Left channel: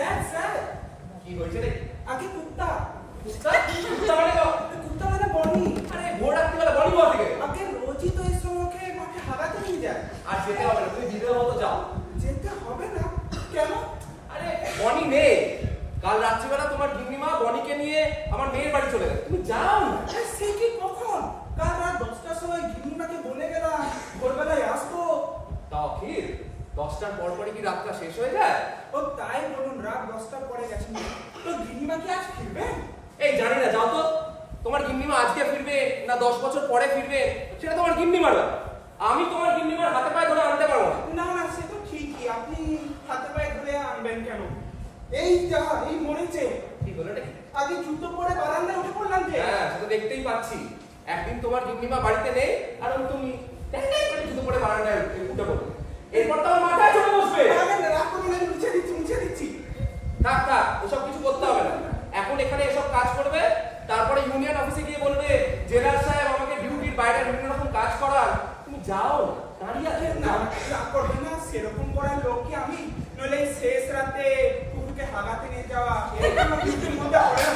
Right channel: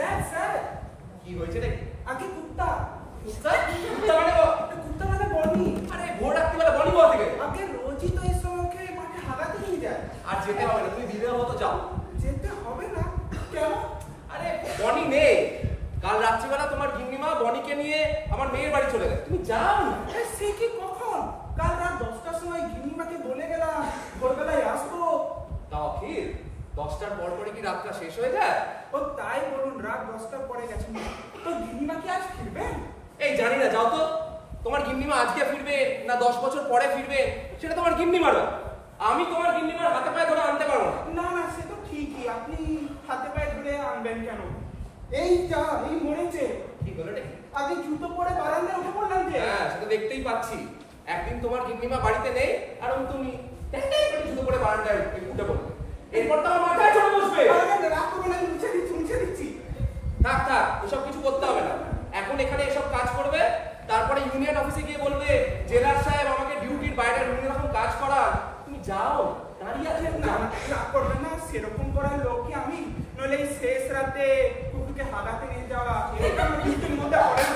Sir sir কি হয়েছে রে? আগে কুত্তা কুত্তা? কুত্তা মানে কুত্তা মানে বনি। আরে ভোর রাত্রিবেলা বনি কোথা থেকে? আগে রোজই তো এই সময় মাঠে হাগাতে নিয়ে যায়। আর যেতে হবে না, তুমি বিদেয় মতো যাও। যেতে হবে না কেন? আরে বনি নেই, কাল রাত্রিবেলা তোমার গিন্নিমা বনিকে নিয়ে আমার মেয়ের বাড়ি চলে গেছে, তুমি যাও না। সে কি কখন? কাল রাত 10টার সময় গিন্নিমাকে বলে গেলাম ভোরবেলায় আসবো। তাও কি 10টার পর পরে কি রাতটা শেষ হয়ে যায়? ও তাই বলুন, রাত 10টার পরে গেছেন তো গিন্নিমা কি আজ ফিরবে? এই জানি না, যাও তো। তোমার গিন্নিমা আজকে ফিরবে না 10 বছর পরে ফিরবে সেটা তোমার গিন্নিমার ব্যাপার। আমি তোমার গিন্নিমার হাতে পায়ে ধরে আনতে পারবো না। না সে তো ঠিকই, আপনি হাতে পায়ে ধরে আনবেন কেন? এই যা এই মরেছে। ঠিক হলো নাকি? আগে জুতো পরে বারান্দায় উঠে পড়লাম যে। হ্যাঁ সেটা দেখতেই পাচ্ছি। একদিন তোমার গিন্নিমা বাড়িতে নেই আর তুমি টেন্ডাই করে জুতো পরে বারান্দায় উঠে পড়বে, এরপর তো আমার মাথায় চড়ে বসবে। রাগ করবেন, আমি মুছে দিচ্ছি। থাক থাক, ওসব কিছু করতে হবে না। এখন এখানে এসব কাজ করবে, তারপরে ইউনিয়ন অফিসে গিয়ে বলবে জেলার সাহেব আমাকে ডিউটির বাইরে বিভিন্ন রকম কাজ করান। তুমি যাও, দাঁড়িয়ে আছেন না। রাগ করবেন না, সেরকম করার লোক কি আমি? নইলে এই শেষ রাতে কুকুরকে হাগাতে নিয়ে যাওয়া এটা আমার ডিউটির মধ্যে পড়ে না।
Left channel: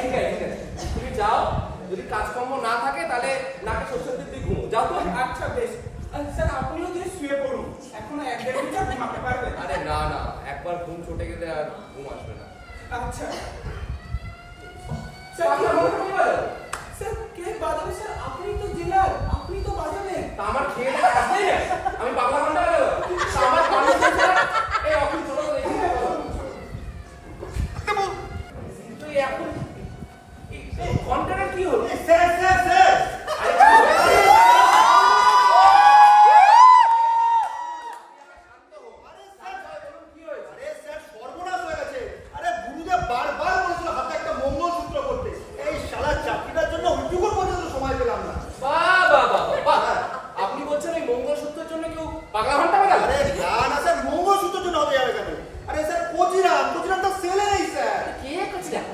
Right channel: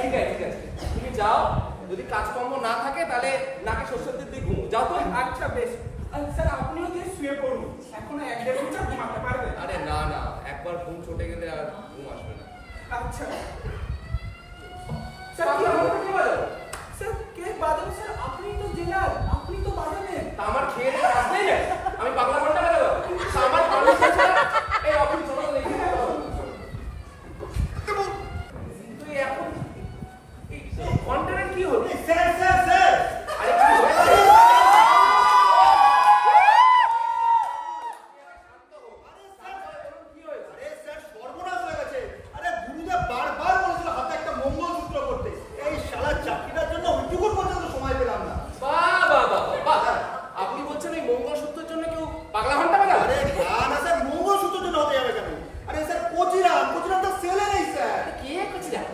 ঠিক আছে ঠিক আছে, তুমি যাও। যদি কাজকর্ম না থাকে তাহলে নাকে সরষের তেল দিয়ে ঘুমো, যাও তো। আচ্ছা বেশ। স্যার আপনিও গিয়ে শুয়ে পড়ুন, এখনো 1-1.5 ঘন্টা ঘুমাতে পারবেন? আরে না না, একবার ঘুম ছুটে গেলে আর ঘুম আসবে না। আচ্ছা স্যার কে বাজাবে? স্যার আপনি তো জেলার, আপনি তো বাজাবেন। তা আমার খেয়ে দেয় কাজ নেই না, আমি পাগলা ঘন্টা বাজাবো? তা আমার পানি এই অফিস চলো তো দেখি। তুই এখন ঘন্টার কি হলো? স্যার স্যার স্যার আরে কি হয়েছে? আপনি বলছেন ওই মঙ্গলসূত্রের জন্য কেউ পাগলা ঘন্টা বাজাবে? আরে না না স্যার, মঙ্গলসূত্রের জন্য হতে যাবে কেন? আরে স্যার কোচিরাম তো ছেলে নেই স্যার। কে কোচিরাম?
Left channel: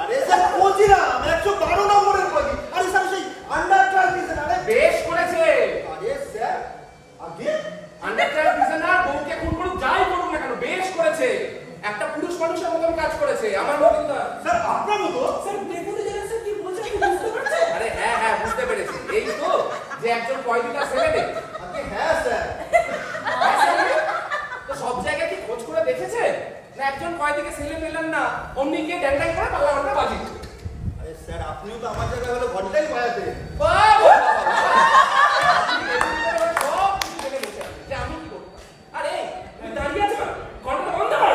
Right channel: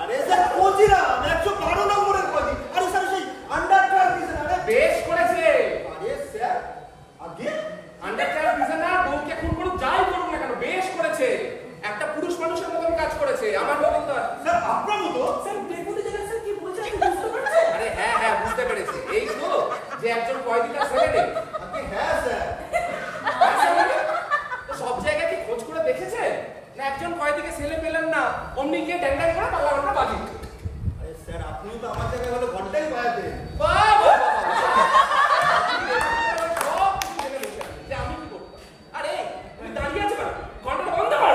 আরে স্যার কোচিরাম 112 নম্বরের কোচি। আরে স্যার সেই আন্ডার 12 প্রিজনার। আরে বেশ করেছে। আরে স্যার আগে আন্ডার 12 প্রিজনার বউকে খুন করুক, যাই করুক না কেন, বেশ করেছে। একটা পুরুষ মানুষের মতন কাজ করেছে, আমার মতন তো। স্যার আপনার মতো? স্যার দেখুন তো জেলা স্যার কি বলছে, আপনি বুঝতে পারছেন? আরে হ্যাঁ হ্যাঁ বুঝতে পেরেছি। এই তো যে একজন কয়েদিটা ছেলে নেই। আগে হ্যাঁ স্যার। তো সব জায়গায় কি খোঁজ করে দেখেছেন না একজন কয়েদিকে ছেলে পেলেন না অমনি গিয়ে ড্যান্ডাই করে পাগলা ঘন্টা বাজিয়েছে? আরে স্যার আপনিও তো আমার জায়গায় হলে ঘন্টাই বাজাতেন। বাহ বাহ বাহ, আপনি দেখুন সব কিছু জেনে বসে আছেন যে আমি কি করতাম। আরে তুমি দাঁড়িয়ে আছো কেন? ঘন্টাটা বন্ধ কর।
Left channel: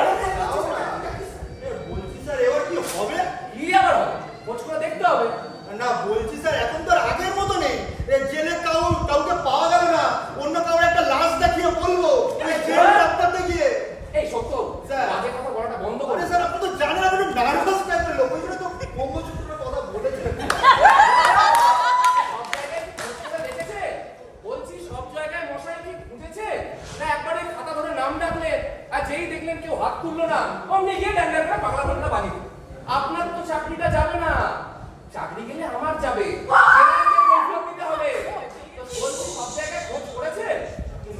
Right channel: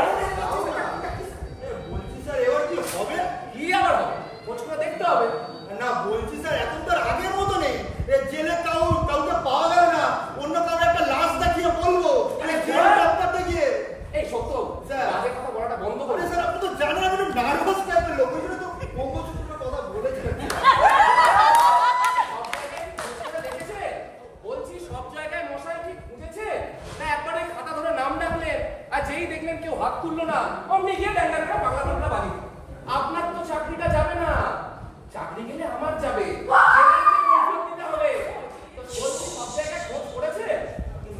বলছি স্যার এবার কি হবে? কি আবার হবে? খোঁজ করে দেখতে হবে। না বলছি স্যার এখন তো আর আগের মতো নেই। জেলে কাউকে পাওয়া গেল না, অন্য কাউকে একটা লাশ দেখিয়ে বলবো জেলে ডাক্তারতে গিয়ে। এই সত্য স্যার বাজে কথা বলাটা বন্ধ করুন। স্যার আপনি তো জানেন আমি একটু নার্ভাস টাইপের লোক, ওই জন্য তো মঙ্গলসূত্রের কথা বলেছিলেন। সব জায়গায় কি খোঁজ করে দেখেছে? বলছি সব জায়গায় মশাই কি খুঁজেছে না একবারে খাতা ধরে নাম ডাকলেন আর যেই দেখলেন কেউ হাত তুললো না অমনি গিয়ে ড্যান্ডার করে পাগলা ঘন্টা বাজিয়ে দিল? আপনার তো চাকরিটা যাবে না, চাকরি গেলে আমার যাবে, দিতে হবে। তো বলছি সব জায়গায় খোঁজ করেছে?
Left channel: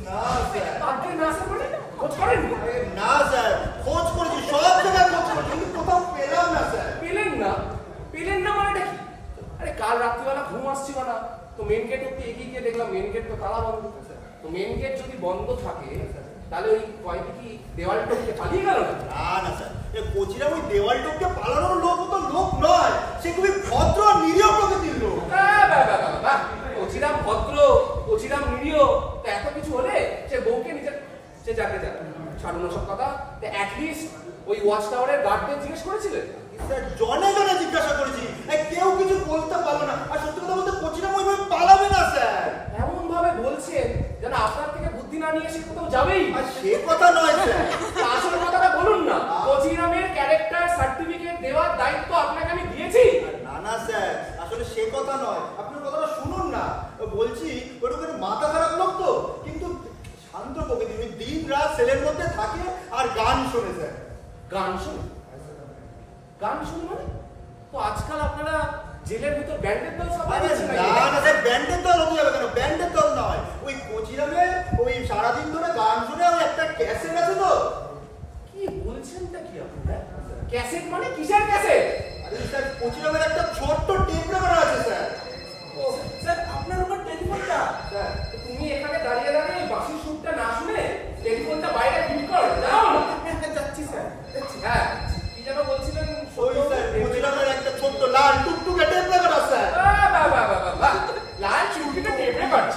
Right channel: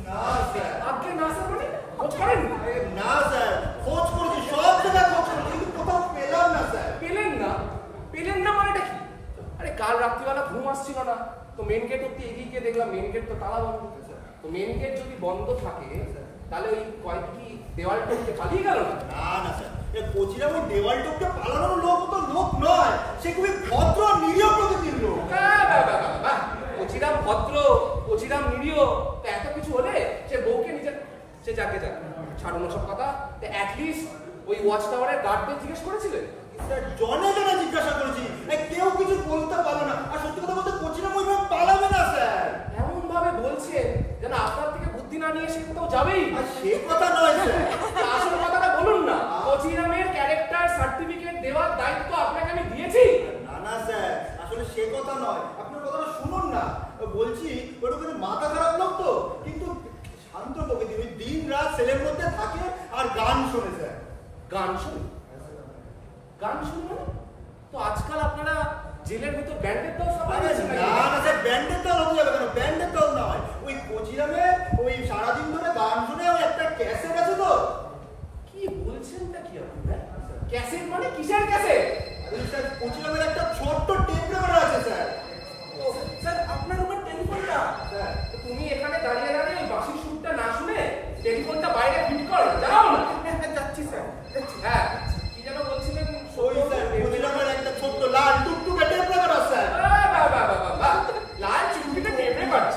না স্যার। আজকে না স্যার মানে খোঁজ করেননি? না স্যার খোঁজ করেছি, সব জায়গায় খোঁজ করেছি কিন্তু কোথাও পেলাম না স্যার। পেলেন না? পেলেন না মানেটা কি? আরে কাল রাত্রিবেলা ঘুম আসছিল না তো মেন গেট অব্দি এগিয়ে গিয়ে দেখলাম মেন গেট তো তালা বন্ধ। তো মেন গেট যদি বন্ধ থাকে তাহলে ওই কয়েদি কি দেওয়াল টপকে পালিয়ে গেল? না না স্যার, কোচিরা ওই দেওয়াল টপকে পালানোর লোক তো লোক নয়, সে খুবই ভদ্র আর নিরীহ প্রকৃতির লোক। কোচিরাম ভদ্র, কোচিরাম নিরীহ, তো এত কিছু হলে সে বউকে নিজের সে যাকে যাক ছাড়ুন সব কথা। অ্যাটলিস্ট ওই ওয়াচ টাওয়ারের গার্ডদের জিজ্ঞেস করেছিলেন? স্যার জনে জনে জিজ্ঞাসা করেছি, কেউ কিছু বলতে পারলো না। আর সত্যি কথা বলতে কোচিরাম ওইভাবে পালাবে না স্যার। এমন ভাবে বলছেন যেন আপনার থেকে বুদ্ধি না নিয়ে সে কোথাও যাবেই। আর সে কথা নয় স্যার। আসল কথাটা বলুন না। কোচিরামের ক্যারেক্টার সার্টিফিকেট দেওয়ার দায়িত্ব আপনাকে আমি দিয়েছি। না না স্যার, আসলে সে কথা নয়, আপনার কথাটা শুনুন না। বলছি ওর ওখানে মাথা খারাপ লোক তো, কিন্তু শান্ত প্রকৃতি, ওই দিন রাত সেলের মধ্যে থাকে আর গান শোনে স্যার। গান শুনে? গান শুনে মানে? তো আজকাল আপনারা জেলের ভিতর ব্যান্ডের দল সাপ্লাই দিচ্ছেন নাকি? না না স্যার, ব্যান্ডের দল হতে যাবে কেন? ব্যান্ডের দল নয়, ওই কোচিরামে ওই সারাদিন ধরে গান শুনে ওই একটা ক্যাসেট আছে তো। কি বলছেনটা কি? ক্যাসেট মানে কিসের ক্যাসেট? আরে স্যার কোচি নামের একটা ছোট্ট টেপ রেকর্ডার আছে স্যার। ও স্যার আপনার উপর টেলিফোনটা স্যার তুমি এখানে দাঁড়িয়ে দাঁড়িয়ে ওই বাঁশির সুরটা না শুনে টেলিফোনটা বাইরে ফিট করো, যাও না। যাচ্ছি স্যার। হ্যাঁ, কি যেন বলছিলেন? ওই স্যার কোচি নামের একটা ছোট্ট লাল টুকটুকে টেপ রেকর্ডার স্যার। বাহ, লাল চিমটিটা টেপ রেকর্ড।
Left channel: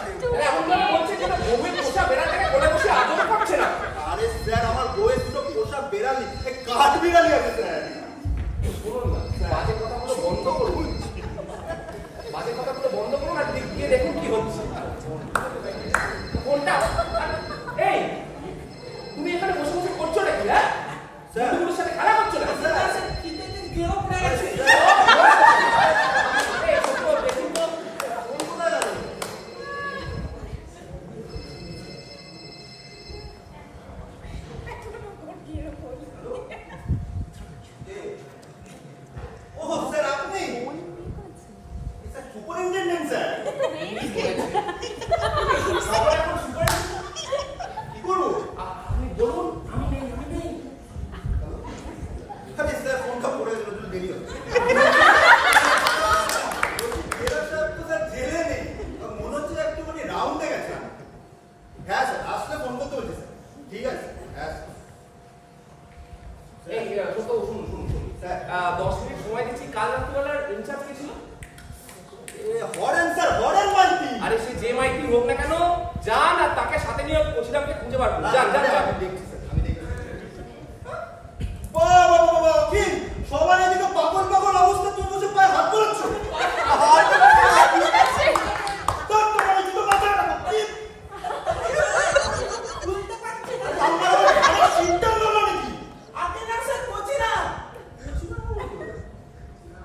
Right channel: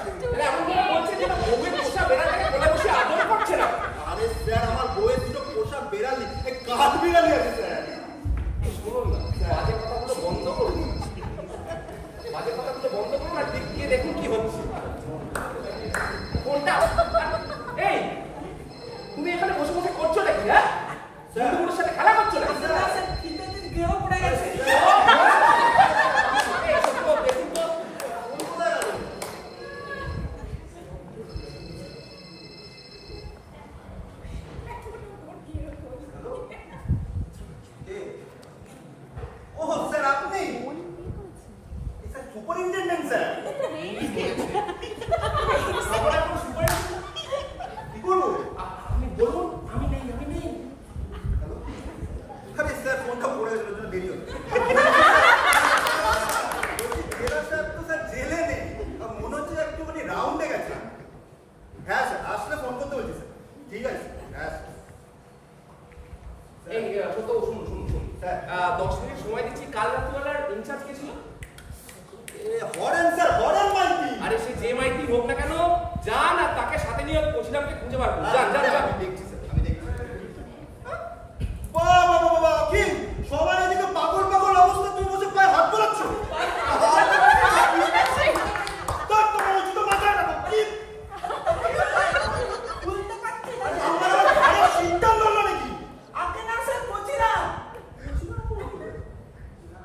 এমন ভাবে বলছে যে বউয়ের পোষা বেড়ালটাকে কোলে বসে আদর করছে না। আরে স্যার আমার বউয়ের দুটো পোষা বেড়ালি, কাঠ বিড়ালি আছে স্যার। শুনুন না, বাজে কথাগুলো বন্ধ করুন। বাজে কথাগুলো বন্ধ করুন আর দিক দিয়ে দেখুন কি হচ্ছে। কোনটা? এই তুমি এখানে বসে বসে করছো নাকি? হ্যাঁ, বন্ধুগুলোর সাথে খেলা করছো না? স্যার খিদে গেও পড়ে গেছে। এই সত্য দেখুন তো কোন কোথায় গেল? ও স্যার আপনি? Sir superintendent sir. খবর এখন সুপারিনটেন্ডেন্ট কি করবো? আপনি বলুন। আমি নেই। আরে স্যার ফোনটা পড়ে গেল, দেরি হচ্ছে। জেলে নেই, মনে হচ্ছে একটুখানি রাউন্ডে গেছে। হ্যাঁ স্যার আসলে ফোন করতে বলছি স্যার। ঠিক আছে হ্যাঁ এই সত্য শুনুন। স্যার 10 মিনিট সময় দিচ্ছি। কাল রাত্রিবেলার ইনচার্জ কে ছিল? হরেন স্যার, হরেন মাইতি। আরে সে যে মাইতি হোক না কেন, যান আর তাকে সাথে নিয়ে পৌঁছিলামকে খুঁজে বার করুন। যান। আমি দেখছি স্যার, আমি দেখছি। বাবা কি সবার এদিকে পাগল অবস্থা, তুমি বসে পায়ে হাত বোলাচ্ছ। বুঝতে পারছি না। আমার ঘরে সিস্টেম হলো নাকি? আপনি না স্যার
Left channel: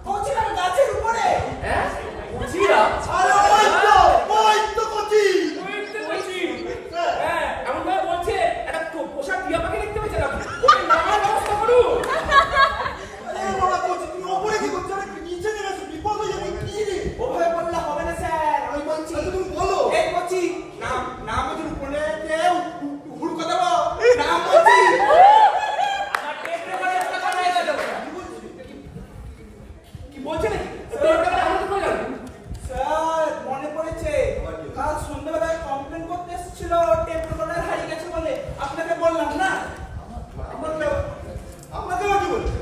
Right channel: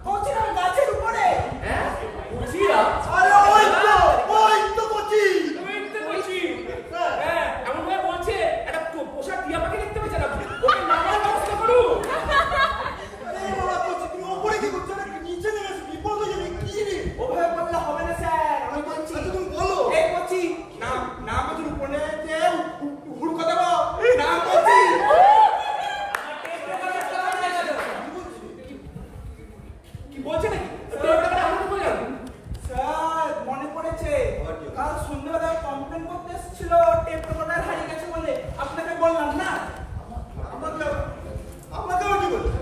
পৌঁছিলাম গাছের উপরে। হ্যাঁ, বুঝিরা। আরে ওই তো কোচি। হ্যাঁ, এমন ভাবে বলছে একটা পোষা টিয়া পাখি দেখতে পেয়েছেন আপনি? ওকে নামার ব্যবস্থা করুন। আরে বাবা কোচি তুমি উপরে কি করছো? আরে নিচে নেমে এসো, বিপদ হয়ে যাবে। কি রে? ওভাবে বললে হবে না স্যার, আমি বলছি। আচ্ছা, তুমি বলো। এই বলছি নাম ওদের উপরে হুড়কো দেবো। নাম বলছি। আমার টেপ রেকর্ডার চালা হয়ে গেল। কি বলছিস? কি বলছে নাকি? স্যার মনে পড়েছে, আবার কি হলো? কাল সন্ধ্যাবেলায় কমপ্লেন করতে এসেছিল টেপ রেকর্ডার হারিয়ে গেছে বলে। আপনাকে বললাম না? আমাকেও কি বলছো?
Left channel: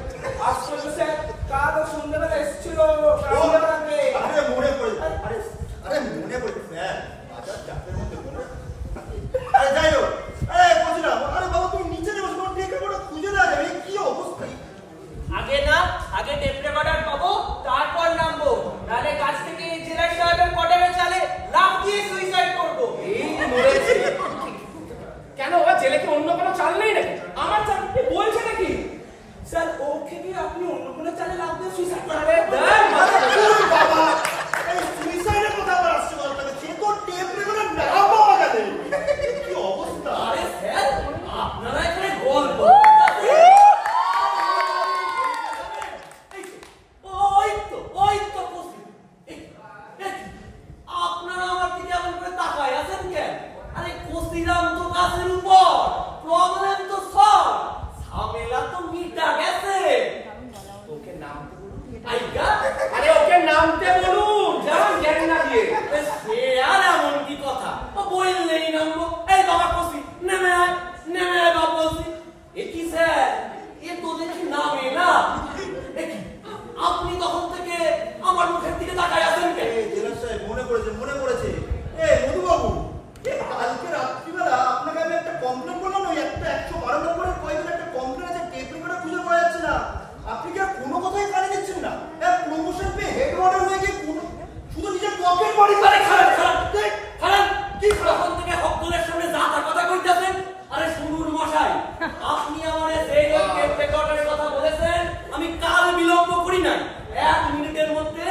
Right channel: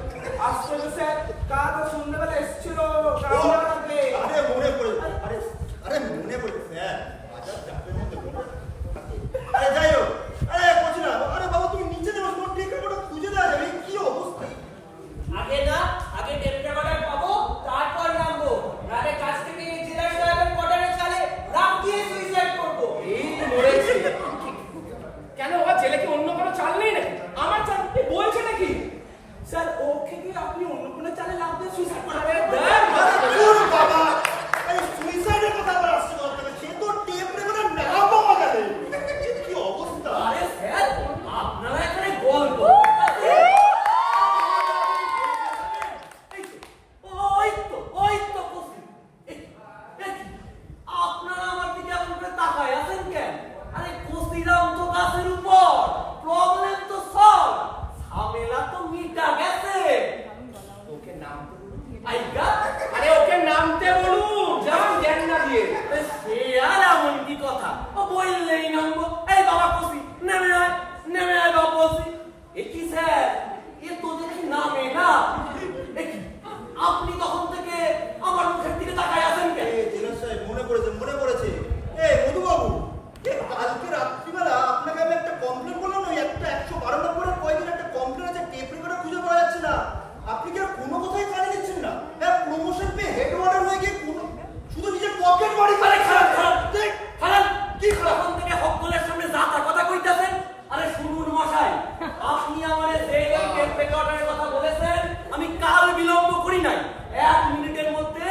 আশ্চর্য স্যার, কাল সন্ধ্যাবেলা এসেছিল আরে আগে। মনে পড়েছে। আরে মনে পড়েছে স্যার, বাজার চাপের মধ্যে মনে। আরে যাই হোক, কোচি না, আরে বাবা তুমি নিচে নেমে তোমার টেপ রেকর্ডার খুঁজে দেওয়া যাবে। কি অবস্থা? আগে টেপ রেকর্ডার পাবো, তারপর নামবো। নালে কাছ থেকে জেলার সাহেবের কোয়ার্টারে চালে লাফ দিয়ে সুইসাইড করবো। এই মরেছে। কেন ও জেলে কি অন্য কোনো চাল নেই নাকি? আমার চাল কি বলছে নাকি? স্যার ওকে কি আপনি অন্য কোনো চালে লাভ দিয়ে সুইসাইড আরে করবেন? দেখ, আরে চুপ বাবা, এই সুইসাইডের কথা আবার আসছে বলতে হবে। সে তো টেপ রেকর্ডার না পাওয়া গেলে কি অবস্থা? আরে স্যার, আপনারা এখানে গল্প। ওই তো কসি। আপনারা আমার দিকে এমন করে তাকায় আছেন কেন? আরে কসিরাম তো গাছের উপর, প্রবলেম তো সলভ, ঝামেলা তো মিটা গেছে। ওকে নামতে বলুন। আইগা আরে ওকে নামতে বলুন, যান জ্ঞান না দিয়ে। সে আর এমন কি কথা? ও বললেই নামবো। এই বাবা কসি, নেমে আয় বাবা কসি। এ কি স্যার, এ তো দেখি নামে না। এ কি আপনি তখন থেকে আমার মুখের দিকে তাকায় আছেন কেন? জেলার সাহেব মনে পড়েছে। মধুবাবু, কালকে রাত্রিবেলা আপনাকে আমি একটা কমপ্লেন করলাম না, ওই একটা 112 নম্বরের কয়েকদিন একটা কমপ্লেন আছে, টেপ রেকর্ডার খুঁজে পাওয়া যাচ্ছে না। আপনি কি আর কোনো কথাই কানে নিচ্ছেন না? প্রমোশন পেয়ে হেড ওয়ার্ডার হয়ে গিয়ে শুধু নিজের পকেট বাড়ি করে খারাপ কি তখন থেকে হকগুলের সামনে যা তা কথা কইতাছেন। আরে শুনুন মশাই, আপনি আমারে যে ওই টেপ রেকর্ডারের কথা বলেছেন, আমি কাল বিলম্ব করি নাই। 1 মিনিটের মধ্যে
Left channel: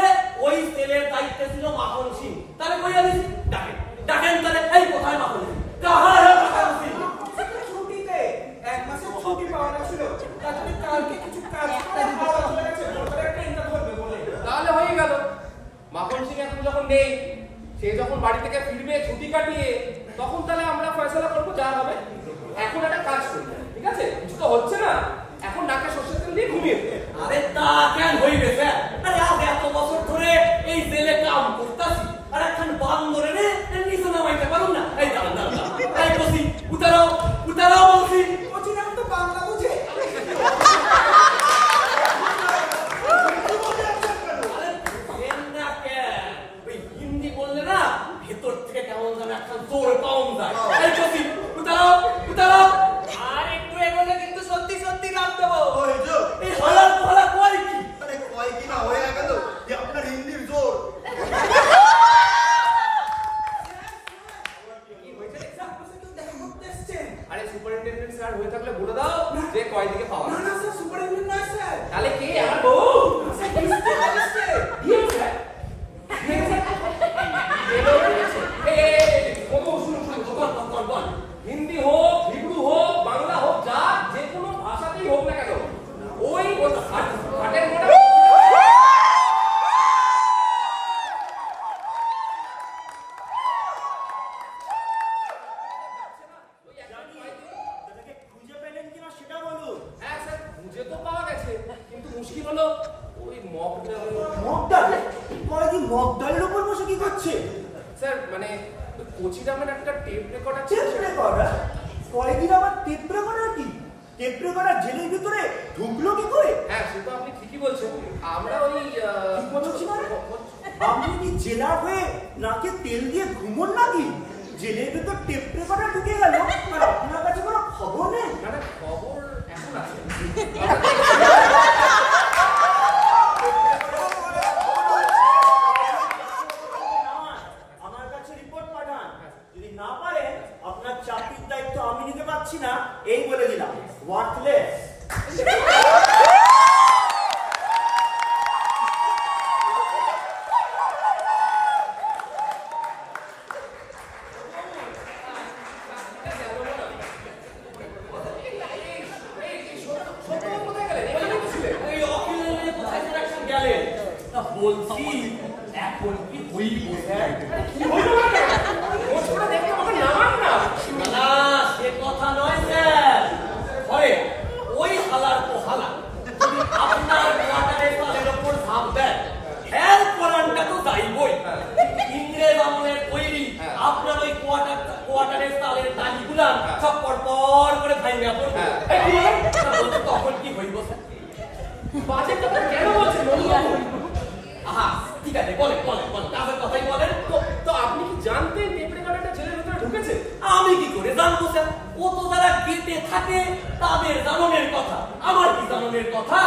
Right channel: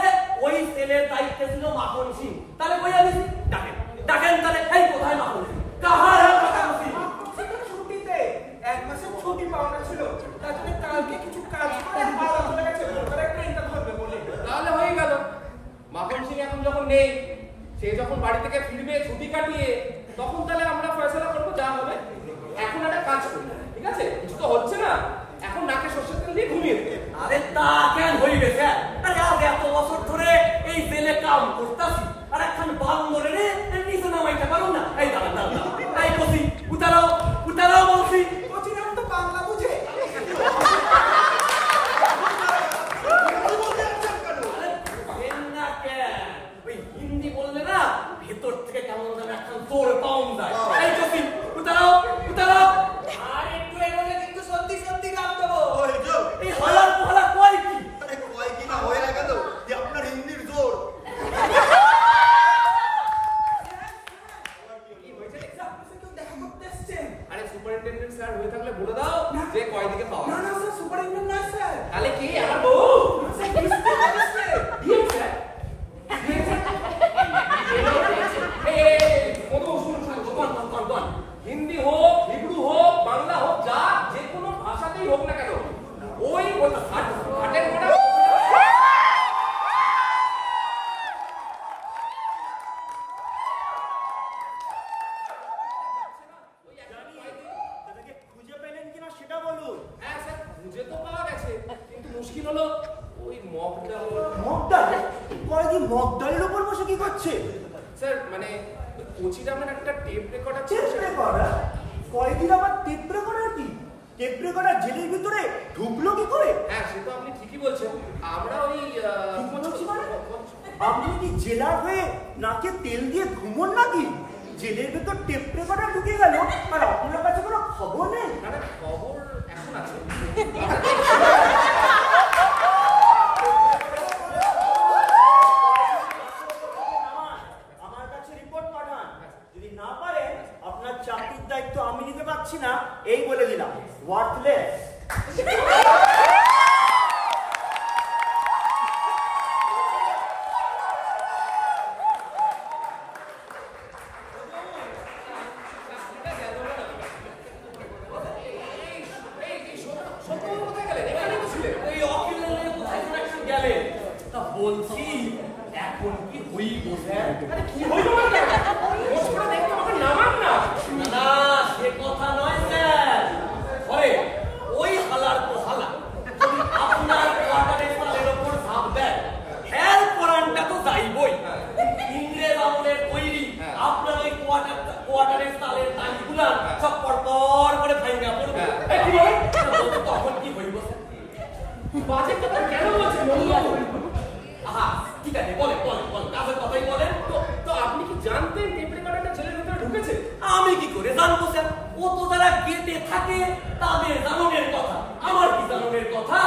ওই সেলের দায়িত্বে ছিল মাখন সিং। তাহলে কই আমি ডাকেন তাহলে। এই কোথায় মাখন সিং? কাহার মাখন সিং? ছুটিতে 1 মাসের ছুটি পাওয়া ছিল, তার জন্য কালকে কিছু কাজ করে হাওড়া চলে গেছে ওখানে একটা ইন্টারভিউ করবে বলে। তাহলে হয়ে গেল। মাখন সিং এখন যখন নেই, সে যখন বাড়ি থেকে ফিরবে ছুটি কাটিয়ে, তখন তাহলে আমরা ফয়সালা করবো যা হবে। এখন একটা কাজ করি, ঠিক আছে? কিছু তো হচ্ছে না, এখন নাকে সর্ষের তেল দিয়ে ঘুমিয়ে হয়ে থাকলে বলে দাও যে কয় দিকে পাওয়া। না না স্যার, সুপারিনটেন্ডেন্ট নয় স্যার। তাহলে কে? আমার বউ। Sir district magistrate. DM sir. Hindi হোক, হিব্রু হোক, বাংলা হোক, যা যে কোনো ভাষাতেই হোক না কেন, ওই হাটের মোটা খুঁজে পেলেন কিনা সেটা বলুন। হ্যাঁ স্যার, খুঁজে তো পাওয়া গেছে, কিন্তু মুশকিল হলো ওই মগডাল। মগডাল? কি মগডালের উপর বসে কি করছে? স্যার মানে কোচির আমার একটা টেপ রেকর্ড আছে। Tape recorder? কয়দিন আবার টেপ রেকর্ডার কি? টেপ রেকর্ডার জেলের ভিতরে ঢুকলো কি করে? হ্যাঁ সে তো আপনি ঠিকই বলছেন। আমরা ওই আপনি কি জেলার হয়ে নাকে তেল দিয়ে ঘুমোন নাকি? জেলের ভেতর টেপ রেকর্ডার ঢুকে গেল আর আপনার কাছে কোনো খবর নেই? না না, খবর এখন আছে। আমার কাছে রিপোর্ট পাঠান। যদি না পারেন আপনার চাকরির দায়িত্ব আমি নিতে পারছি না, এই বলে দিলাম। ওয়ার্থলেস। বলছি এখন কি হইব স্যার? আরে কি হইল মানে? মোটটা দেখতে আমাকে নামান না। না সে কথা নয় স্যার। পরে ওই হালার তো হালা যদি আপনার কোয়ার্টারের তালের উপর ঝাঁপ দেয়, হেল কোরআনটা তো যাইবই। ইংরেজ আমলের তৈরি আপনার ওই কোয়ার্টারের তালের তালিগুলা সব পরপর করে ভাঙা পড়বে। তখন কি হইব স্যার? বাজে কথা কেন বলছেন মধুবাবু? আহা ঠিক আছে, বলেন বলেন বলেন, তাহলে কথাই বলেন। তো আপনি কি জানতেন টেপ রেকর্ডারটা জেলের ভিতরে ঢুকেছে? আমি কি করে জানবো স্যার? ও তো যারা গেটে থাকে তাদের জানানোর কথা, আমার কি জানানোর কথা?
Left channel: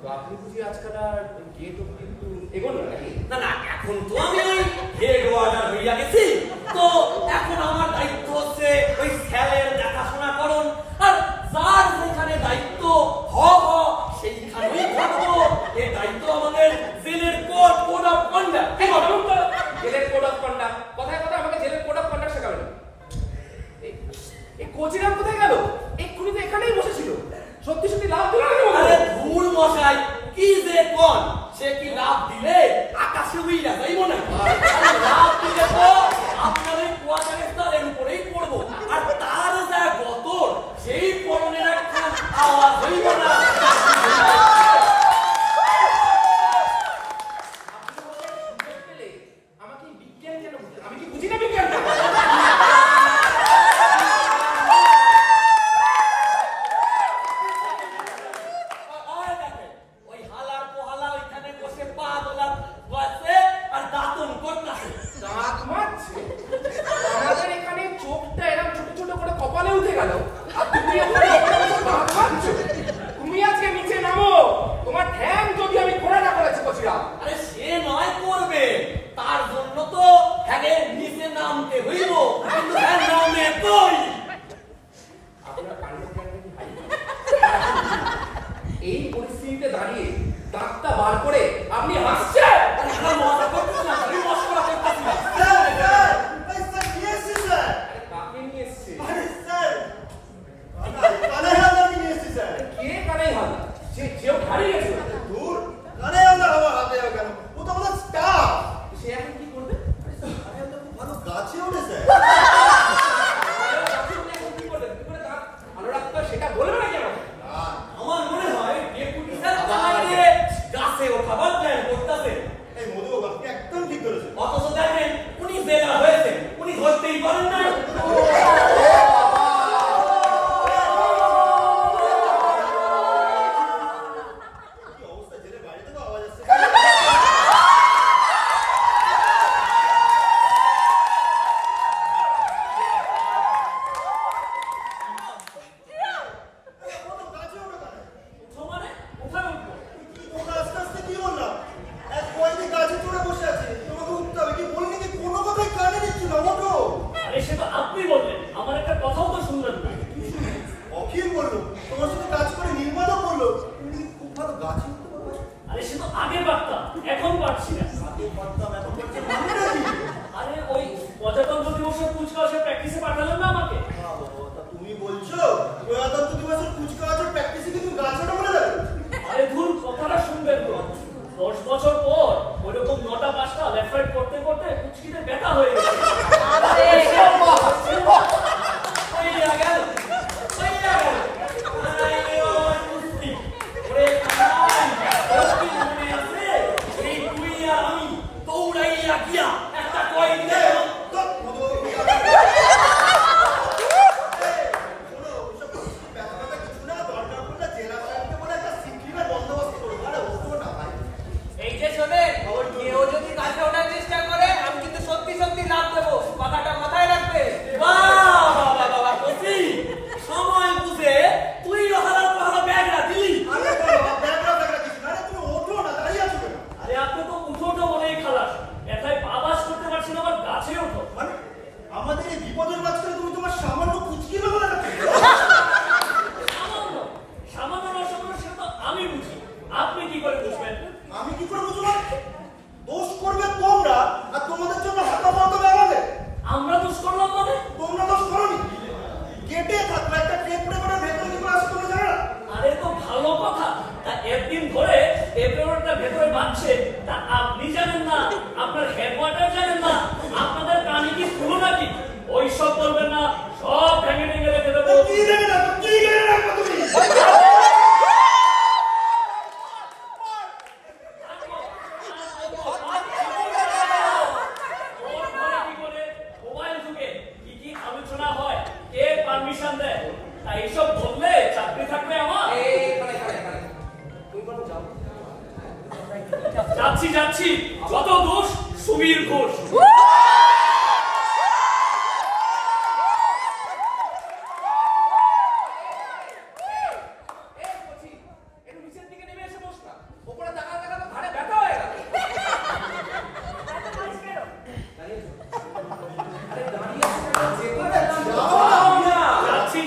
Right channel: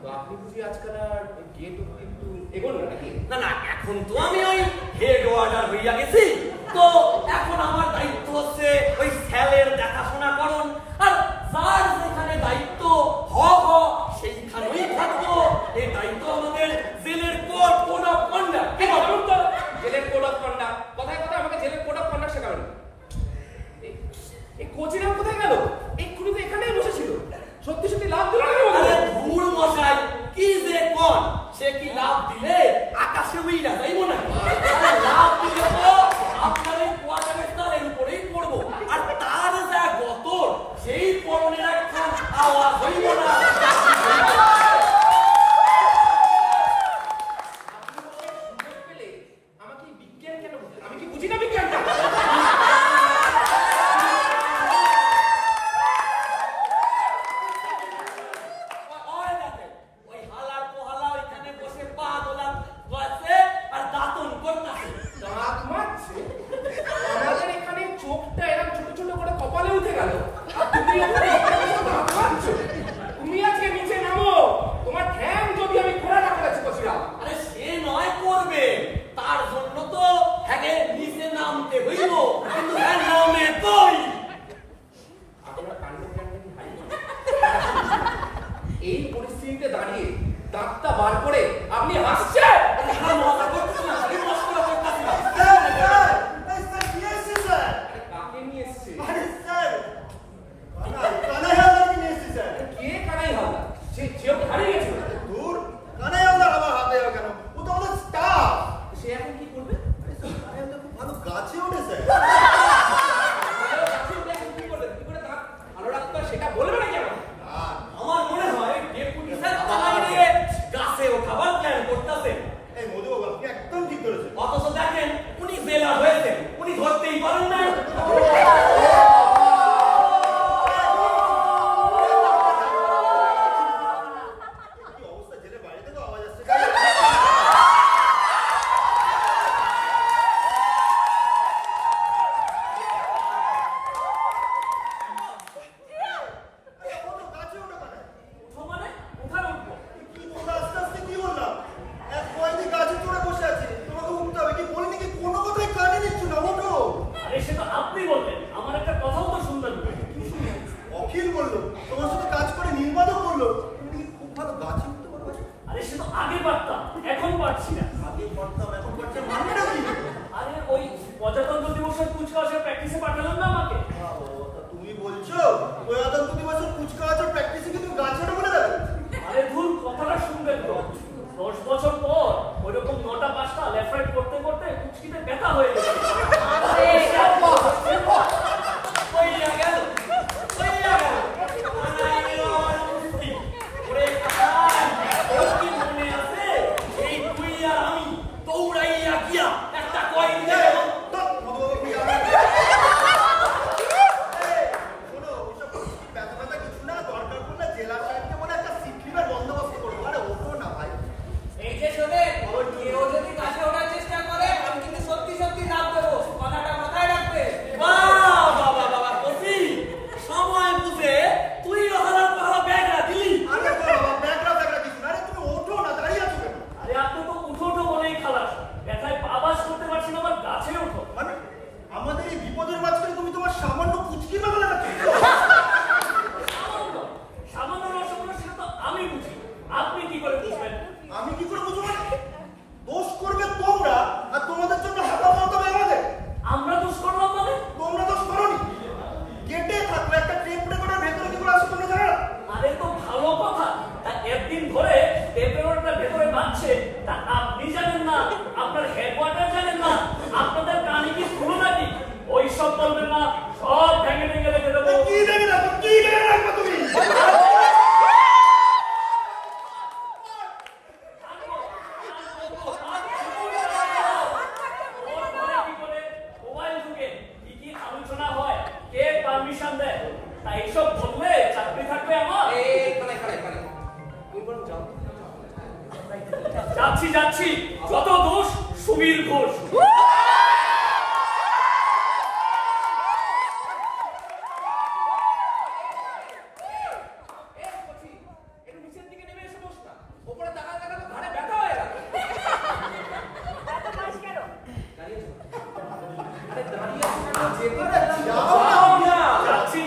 তো আপনি বুঝি আজকাল আর গেট কিন্তু এগোন না নাকি? না না, এখন তো আমি ওই হেড ওয়ার্ডার হইয়া গেছি, তো এখন আমার দায়িত্ব হচ্ছে ওই সেলের দেখাশোনা করুন, আর যার যেখানে দায়িত্ব সেইখানেই থাকবো। এই দায়িত্ব আমাদের জেলের কোড অফ কন্ডাক্ট। কি বলুন তো? জেলের কোড অফ কন্ডাক্ট কথায় কথায় আমাকে জেলের কোড অফ কন্ডাক্ট শেখাবেন। এই কোচিরাম কোথায় গেল? এক্ষুনি তো এখানেই বসেছিল। সত্যি সত্যি লাভ দিল নাকি? আরে ধুর মশাই, কি যে কোন, সে কি লাভ দিলে আকাশে উইরা যাইব না? লাভ দিলে তো আপনার এই কোয়ার্টারের তালের উপরেই পড়বো, আর তার যা গতর সেই পরনের একখান আওয়াজ হইব না। আমাকে বিজ্ঞান কেন বলতে? আমি কি বুঝি না বিজ্ঞানটা? ওই হালার পোহালা ওইখানে বসে পা দোলার আর দাঁতন করতেছে। দাঁত মারছে? আমাদের এখানে চোখটা এরকম ছোট ছোট করে কপালে উঠে গেল, আর তুমি ওখানে দাঁত মারছো? তুমি আজকে নিচে নামো, তোমার ঠ্যাং যদি আমি খোঁড়া করেছি বসিরা। আরে সে নয় করবে, তার জন্য তো হ্যাঁ নিচে নামতে হইব, কিন্তু হ্যাঁ নামে কই? আপনার কাণ্ড জ্ঞানটা কি হাই? এই পরিস্থিতিতে দাঁড়িয়ে দাঁতটা বার করে আপনি হাসছেন? আমার মজা করতেছি না, আমি মস্করা করতেছি না। কাকে নিয়ে এসছে? কে কানাই হাল? সেও হারিয়ে গেছে। সে এখন কি করবে? গাছে উঠেছে। কি করবে? কি করে দাঁত ভালো রাখতে হয় সেটা বলবে নাকি আমাকে? আমার মনে হয় ডেপুটি স্যার বাইরে গাছে ওঠাবার প্ল্যান করতেছে। এই মধুবাবু আপনি একদম ঠিক করেছেন। অথচ দেখেন উনি জেলা হয়েছেন, উনি ধরতেই পারেন না। কি উকিল বললো, তোমার সাথে কাজ করে নির্মাণও করলো, তুমি কি খুব ভালো গাছে উঠতে পারো? আরে সে তো আগে পারতাম, এখন পারছি না। আগে পারতাম, এখন পারছে মানেটা কি? আরে ওই প্রজাতন্ত্র দিবসের কুচকাওয়াজের প্র্যাকটিসে পাঠালেন না আমাকে। তুমি বলছো প্রজাতন্ত্র দিবসের কুচকাওয়াজের প্র্যাকটিসে কি তুমি গাছ ওঠা বলে দেবে? আরে ধুর, কথাটা শুনবেন তো। 10 বছর পর ওইরকম 9টা 5টা লেফট রাইট করতে করতে কুচকিতে ব্যথা হয়ে গেছে। কইয়া গেল। আই আমার কুস্তি। ওরে কানাই, তোর কি মনে আছে এই তুই আর আমি দৌড়াইয়া গিয়া একটা কয়েন দিয়ে আমাদের এই বিপদের মাঝখানে তুমি তোমার সামান্য কুচকি না বলে রাখো। সামান্য রসগোল্লা সেটা তো আমি বুঝি, আপনি কি করে বুঝবেন? আমি কি করে বুঝবো? দোষ করবে তোমরা, আর তোমাদের জন্য হাতা মারতে হবে আমাদের। আমরা দোষ করলাম মানে? তোমরা দোষ করোনি। গেটে থাকলে একটা টেপ রেকর্ডের ভেতরে কি করে আসে তোমরা জানো না? আরে তো ভালো কথা, একদিন ধরে টেপ রেকর্ডারটা ভেতরে বাজছে, তা আপনি জানেন না, আপনার হেডওয়ার্টার জানেন না, আপনাদের কানে কি শুনো নাকি? ওই সব বলবেন না, সব ভেঙে ভেঙে রেখে দেবো। কি ভেঙে রাখো? কি ভেঙে রাখো তুমি? আলোচনা হয়, কে পারমিশন দেয়? তাই এইসব বললে চাকরি থাকবে আমার? যাচ্ছি, যত দোষ সুবীর ঘোষ। নিচের দিকে নেমে এসে বস না, ওপরে দেখা দেখা তো ঘাড়ে ব্যথা হয়ে গেল। আরে দাঁড়িয়ে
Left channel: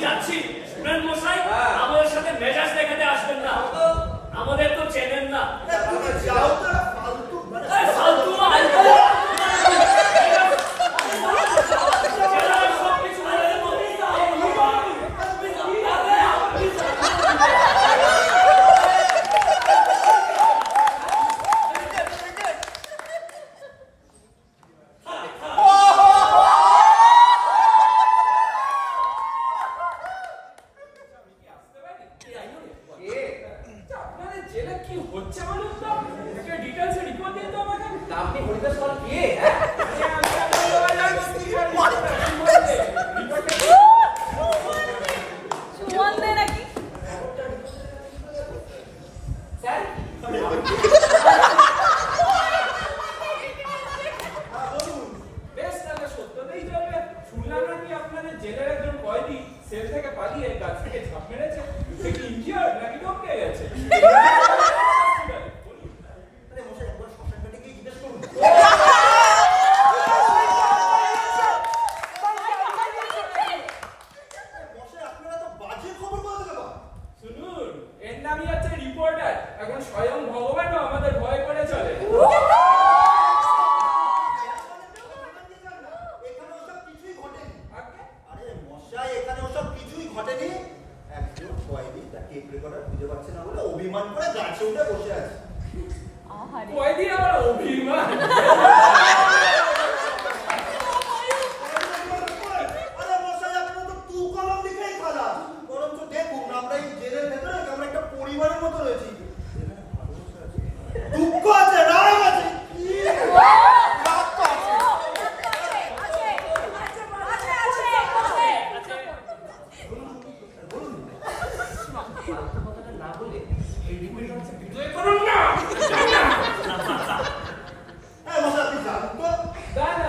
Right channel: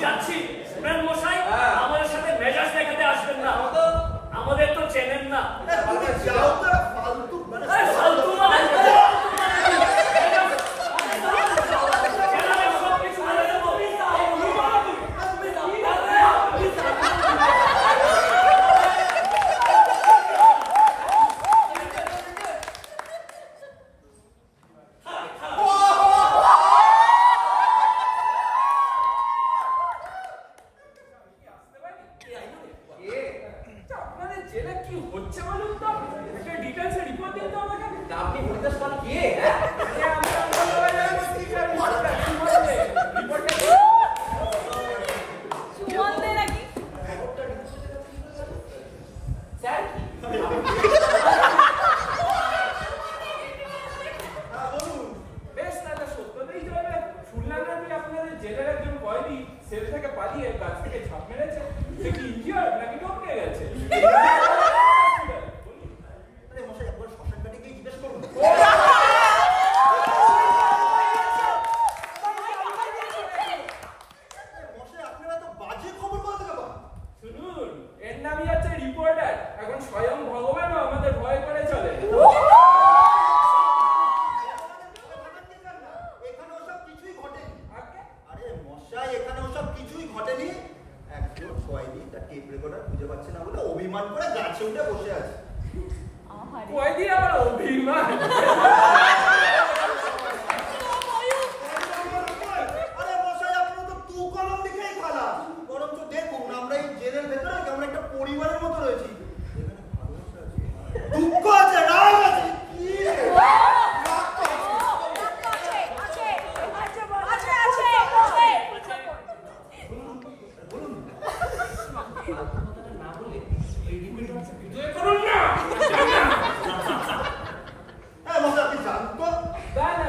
যাচ্ছি শুনেন মশাই, আমাদের সাথে মেজাজ দেখাতে আসবেন না, আমাদের তো চেনেন না। তুমি যাও তো, ফালতু ফালতু মানে আপনাদের জেলে কি হচ্ছে বলুন তো? একটা ডিটেইলসে রিপোর্ট দিন তো আমাকে। আপনি হরিদাস পাল কে? হ্যাঁ, আমরা বলবো জানো স্পিকার রিপোর্টটা কি বলবে? রিপোর্টটা কি বলতে নাকি? স্যার বেশ, তাহলে সত্যতেই যাবে। শুনলাম নাকি আপনাদের জেলের একজন কয়েদি সেল থেকে পালিয়ে গাছ থেকে ঝাঁপ মেরেছে। সে কি ইনজিওর্ড নাকি টপকে গেছে? আরে মশাই, একবার শ্মশান ঘাটে গিয়ে জিজ্ঞেস করুন। মশাই, আপনারা তো বাজে খবর বলতে গেলাম। শুনুন, এর নামই হচ্ছে রিপোর্টার। এখন স্বয়ং ভগবানও আমাদের ভয় করে চলে। এখানে ওসব কিছুই ঘটেনি। আরে মশাই, এখানে ওসব কিছুই ঘটেনি। একজন কয়েদি তার টেপ রেকর্ডার খুঁজে পাচ্ছে না বলে অভিমান করে গাছে উঠে বসে আছে। কয়েদি আবার অভিমান? আরে মশাই, আপনারা তো তু কলম লিখেই খালা। বরং তো দেখুন, আমরা এই জেলের ভেতরে কেমন একটা পরিবারের মতো রয়েছি। যেখানে ভালোবাসা আছে, দুঃখ আছে, রাগ আছে, কি রাগ তো আছে। না বলে এই রিপোর্টারকে বিজয় করুন না। হ্যাঁ মশাই, আপনি জানেন তো? দাদা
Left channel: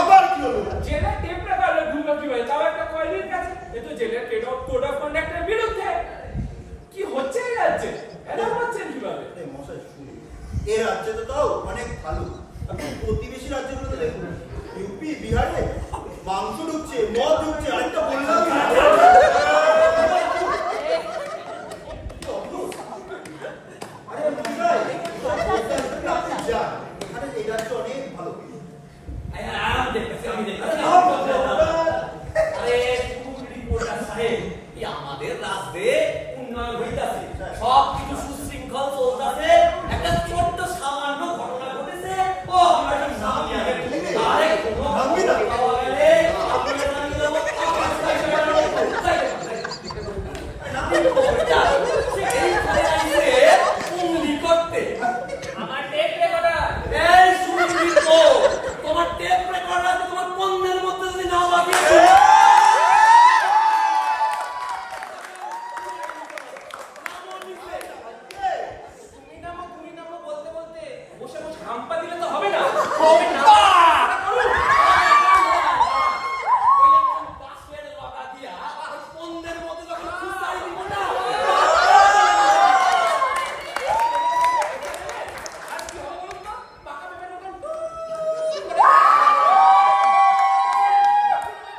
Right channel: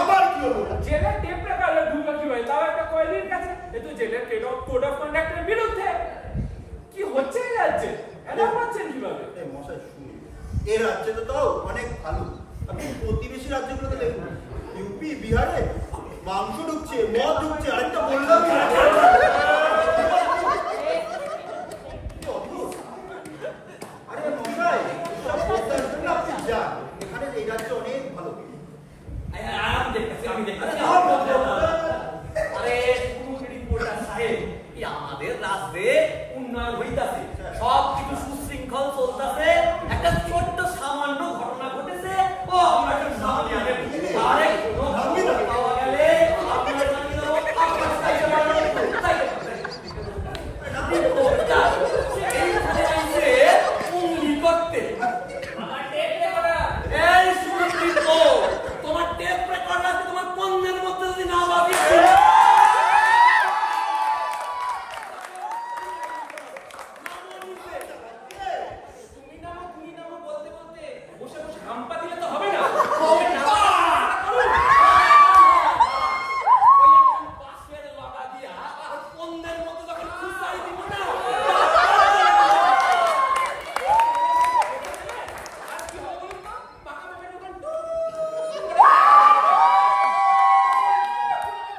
আবার কি হলো? জেলের টেপ রেকর্ডার ঢুকলো কিভাবে? তাও একটা কয়েদির কাছে। এ তো জেলের কোড অফ কন্ডাক্টের বিরুদ্ধে। কি হচ্ছে এই রাজ্যে? এটা পাচ্ছেন কিভাবে? মশাই শুনুন, এই রাজ্যে তো তাও অনেক ভালো। আপনি প্রতিবেশী রাজ্যগুলোতে দেখুন, ইউপি বিহারে মাংস ঢুকছে, মদ ঢুকছে, আরেকটা বললাম রাজ্যে উন্নয়ন হইতাছে, সব কিছু সুশৃঙ্খল চলতেছে। একটা ছোট্ট সামান্য ঘটনা ঘটেছে, ও আমরা একটা নাম নিয়ে আরে কোনো পাওয়া গেলে আপনাদের এইখানে আইসে উংলি করতে। আমার টেপ রেকর্ডার। এই শুনবি তো, তোমার টেপ রেকর্ডার আছে, তোমার পণ্যের মধ্যে যদি না বাজিয়ে তুমি নামো বলতে বলতে বসে বসে হাম্পা দিলে তো হবে না। ওই একটা বাঁশের লগা দিয়া পণ্যের মধ্যে যখন খুঁচাই দিব না, আর কি হবে বলুন তো? পাকা পেঁপের মতন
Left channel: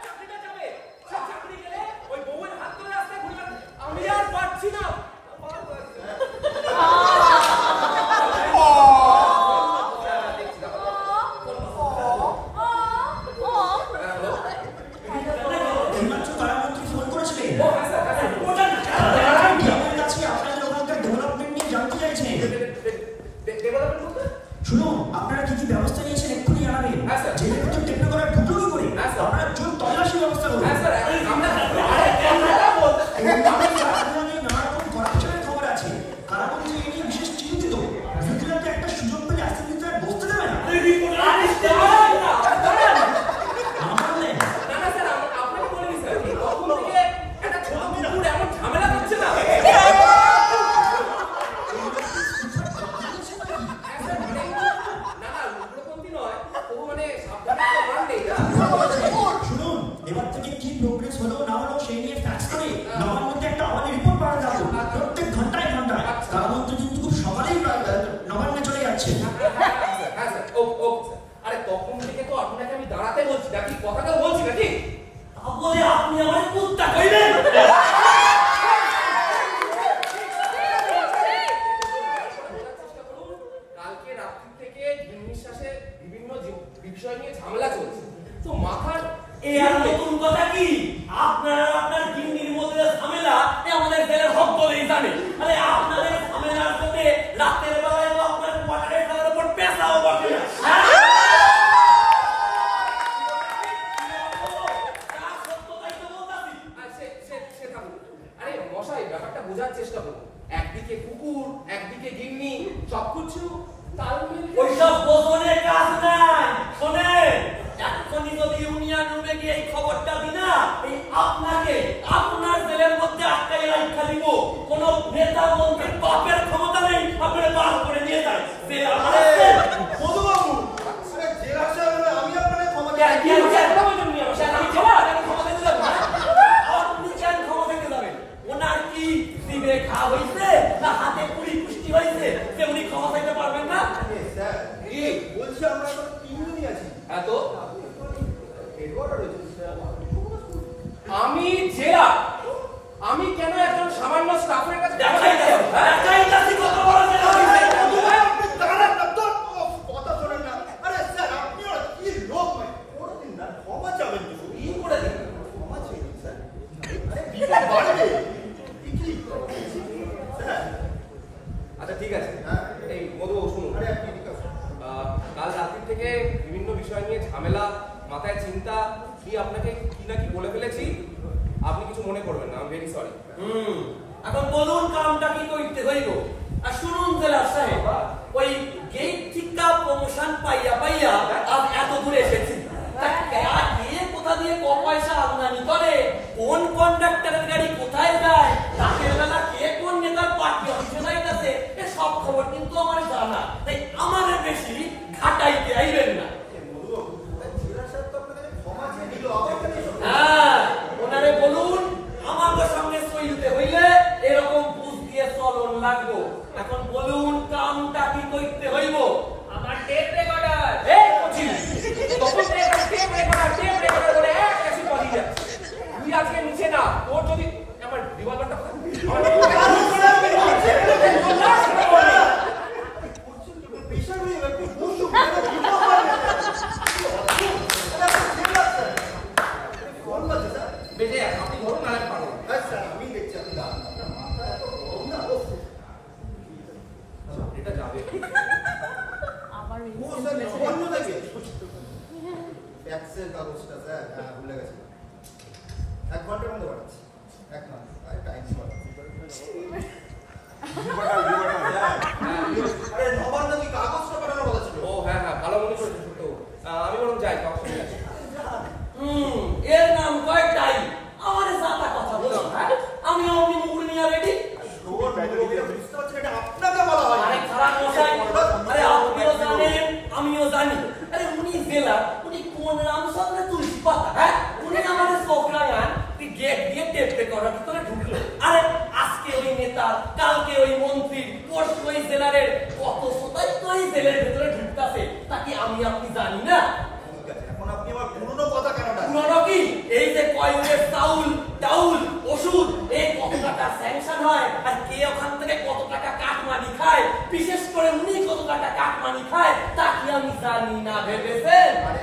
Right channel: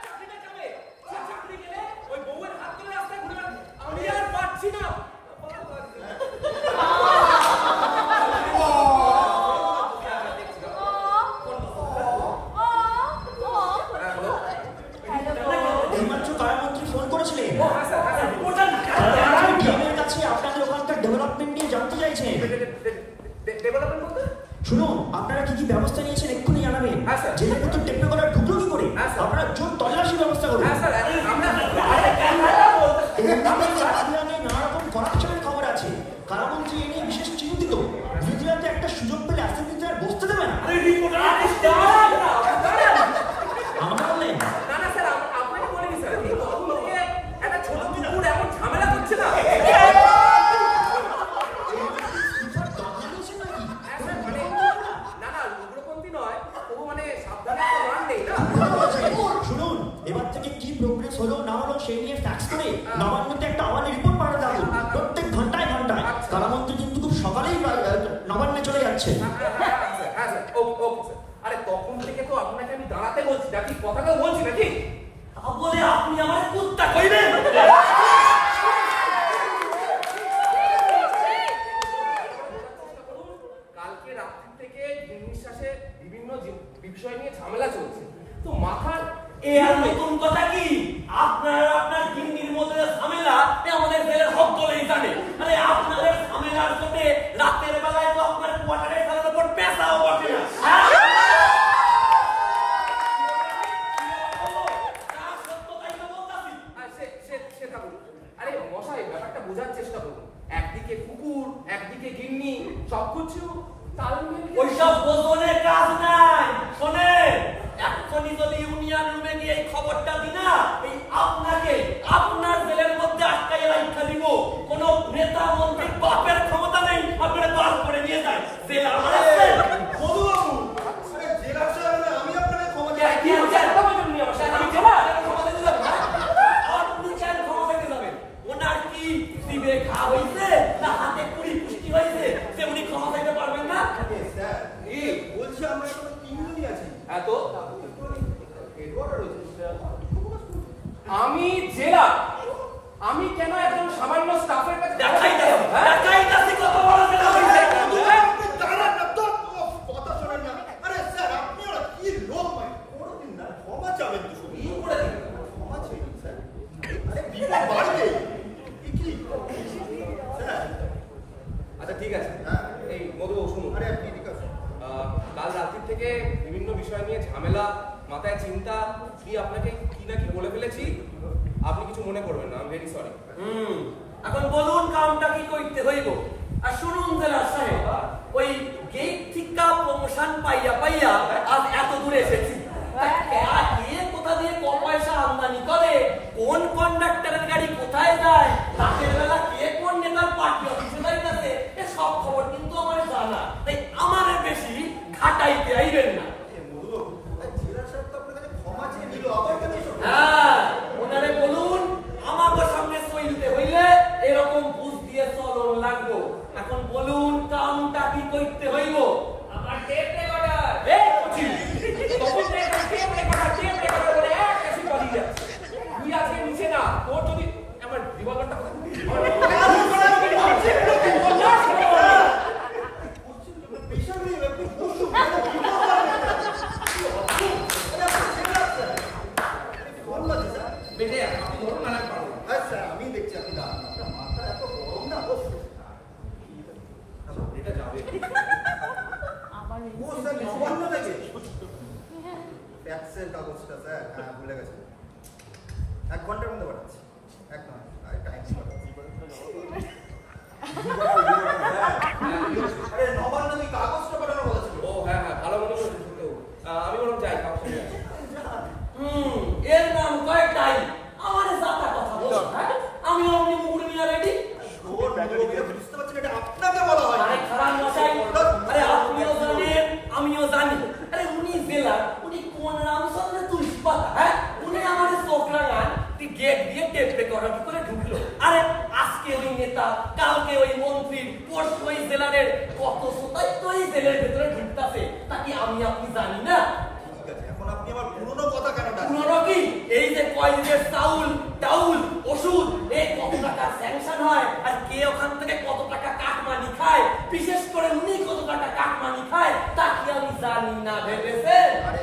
চাকরিটা যাবে। সে চাকরি গেলে ওই বউয়ের হাত ধরে রাস্তায় ঘুরে বেড়াবে। আমি আর পারছি না। ফোন করেছিলেন ও হ্যাঁ স্যার, হ্যাঁ স্যার। আমার কাছে আপনাদের ওখানকার ডেভেলপমেন্ট নিয়ে জানতে চাইছেন। ডেভেলপমেন্ট বলতে? শুনুন, আপনারা কি কি ব্যবস্থা নিয়েছেন এক্ষুনি জানাবেন। হ্যাঁ, স্যার। জেলের ভিতর টেকনোকলার ঢুকলো কি করে? হ্যাঁ, স্যার। আপনারা জোর তল্লাশি ব্যবস্থা করুন। হ্যাঁ স্যার, আমরা নানা রকম করাপশনের খবর আছে। কারামন্ত্রী এই নিয়ে বিশেষ চিন্তিত। নিউজিল্যান্ডে একটা সুযোগ পেলে অ্যাসেম্বলিতে আর বসতে দেবে না। আরে রিপোর্টার আমার বললেন না না স্যার, আপনাকে বলিনি স্যার। এই তখন থেকে একটা ছোট কুকুর এমন ঝামেলা করছে না। হ্যাঁ স্যার, মানে না না উগ্রপন্থী নয়, ও মানে সাবধানে তো মান নেই না। শুনুন, এবার থেকে কি প্রোগ্রেস হলো না হলো সেই নিয়ে ফ্যাক্স করে নবান্নতে একটা আওয়ামী রিপোর্ট পাঠাতে হবে। প্রত্যেক ঘন্টায় ঘন্টায় কারামন্ত্রী কিন্তু খুব সকালেই নবান্নে চলে যাচ্ছে। হ্যাঁ স্যার, ওকে স্যার। আরে তখন থেকে তো আপনাকে আমি দাঁড়াতে বলছি নাকি, কথাটা বলছি নাকি? তা বলে আপনি আমার কুত্তা কইবেন? কালকে রাত্রি থেকে নিঃশ্বাসে বিভিন্ন বিষয় নিয়ে ঝামেলা চলছে, তো মাথার এ আর নতুন কথা কি? আপনার গিন্নির মধ্যে ঝামেলা আমাদের জেলের হক বলেই জানে। আরে আপনাদের ঝামেলার সাথে রাতের বেলায় তো আপনার কোয়ার্টারের খালের উপর পেঁচাও বসে না। সে থাকুন। আরে মশাই, ব্যাপারটা বোঝার চেষ্টা করুন। একদিকে কুকুর, একদিকে গিন্নি, সবকিছু তালমেল। ওইসব বোঝনের কাজ নাই। শোনেন, এক্ষুনি যদি ইউনিয়ন রুমে গিয়ে এই খবরটা দিই না, এই আপনাকে আপনার জেলের মধ্যে আটকাই রাখা দিব। কোন নেতা মন্ত্রীর বাপের ক্ষমতা নেই আপনারা বার করে নিয়ে যায়। জেলা মধুবাবু, আরে জেলার সাহেব, আমি আপনাকে ক্ষমা কি হচ্ছে? একটা বলুন নি আমার সাথে, আমি ক্ষমা দিতে যাবো না। আপনি কেন ক্ষমা পেতে যাবেন? ওনার কি দিবে খা হইছে না হাতে পুরি পুষ্টি হইছে যে উনি ক্ষমা পেতে পারবেন না? স্যার, এই বলছি আমরা এখন 3 জনই আছি। হ্যাঁ তো আপনি একটু হেডওয়ার্টার রয়েছেন। আমি জেলা, আমি কেন একজন সামান্য স্টাফের কাছে দেখাই যাচ্ছে কত বড় জেলা হইছে। আপনি দাঁড়ান না তো, কথা শোনেন না। আরে স্যার, আপনি ওরা কি লোক ভাই, কোনোদিন না ক্ষমা চাবেন তো শুধু। কি করে দিন? ক্ষমা চেয়ে নিন স্যার। আরে বিপদ বাড়বে। কি স্যার? আচ্ছা ঠিক আছে। হ্যাঁ। এই মধুবাবু শুনুন, আরে আপনি এদিকে আসুন। কাল রাত্রি থেকে বিভিন্ন বিষয় নিয়ে ঝামেলা, মাথায় চিন্তা, কি আপনাকে কি না কি বলে ফেলেছি, আপনি কিছু মনে করবেন না, আমি ভেরি সরি। এখন বলুন কামটা কি করতে হইব। আর শুনুন জেলা সাহেব, ওই গেট থেকে প্রমোশন পাইয়া আজ এত দূরে এসেছি। তা কে কোথা দিয়ে ক পয়সা আমদানি করে, কোন কন্ডাক্টরের গাড়ি কোথায় যায়, রাতের বেলা কে কোন নেতার পার্টি অফিসে যাইতেছে, এ সব খবর কিন্তু আমার জানা। তাই আমারে বেশি ঘাটাইতে আইবেন না। মধুবাবু, জেলার সাহেব তো আপনার কাছে ক্ষমা চেয়ে নিল, আবার কেন এসব? হ্যাঁ, ওনারে বলুন আমাকে সঙ্গে চলতে হইলে এরকম বুঝ দিয়ে চলন লাগবো। এখন বলুন কামটা কি করতে হইব। আমার টেপ রেকর্ডার, এই পঁচিশ তখন টেপ রেকর্ডার করে এক কাশি পড়ি যায়। তুই আজকে নিচে না, তোর যদি আমার রিভলভারটা কোথায়? বিশাল হয়ে গেল, আপনি বসুন, কোনো বিপদ হবে না। ফোন বাজে স্যার। বেজে আপনি ধরুন, আর আমি পারবো না। হ্যাঁ স্যার, আমি দেখছি আপনি আপনার মাথা এত গরম না এটা যাবে ও স্যার নবান্ন থেকে ট্যাক্সের কাগজটা স্যার হ্যাঁ ভুলে গেছি 1 ঘন্টার মধ্যে পাঠাচ্ছি 1 মাস টাইম আরে নবান্ন থেকে কাগজটা পাঠানোর কথা ছিল ও হ্যাঁ হ্যাঁ ভালো মনে করেছো কিন্তু আমি বরং যাই কাউকে সঙ্গে আসি এর নাম কয়েকটাই আমার জাতা কথা বলো হ্যাঁ আমি অমনি মুগুরি মিয়া রেডি তোর মুরব্বিরা বুঝতে পারছেন এটা আপনাকে বলা হয় আরে খারাপ মশাই আরে আপনিও জানেন আমিও জানি আরে উনি জেলার উনি কোন রামচন্দ্র তুলসী পাতা হ্যাঁ উনি আমাদের চোখ লাগান গেট দিয়ে টেপ রেকর্ডার করে ঢুকলো আরে আজকে ওই নেতা কালকে ওই মন্ত্রী পরশু ওই জেলারের কত সতাই তো এই জেলের ভেতরে ঢুকতাছে তা কি আমি আপনি জানি না ঠিক আছে এখন আপনি আমার পুরনো কথা কেন পুরনো কি এই যে কয়েলের চাউল টাউল ওষুধ এই কত টাকা স্যাংশন হয় আর কে ওখান থেকে কত টাকা কাটমানি খায় বিশেষ করে উনি কত টাকা কাটমানি খায় তা কি আমি জানি না ভেবেছেন আরে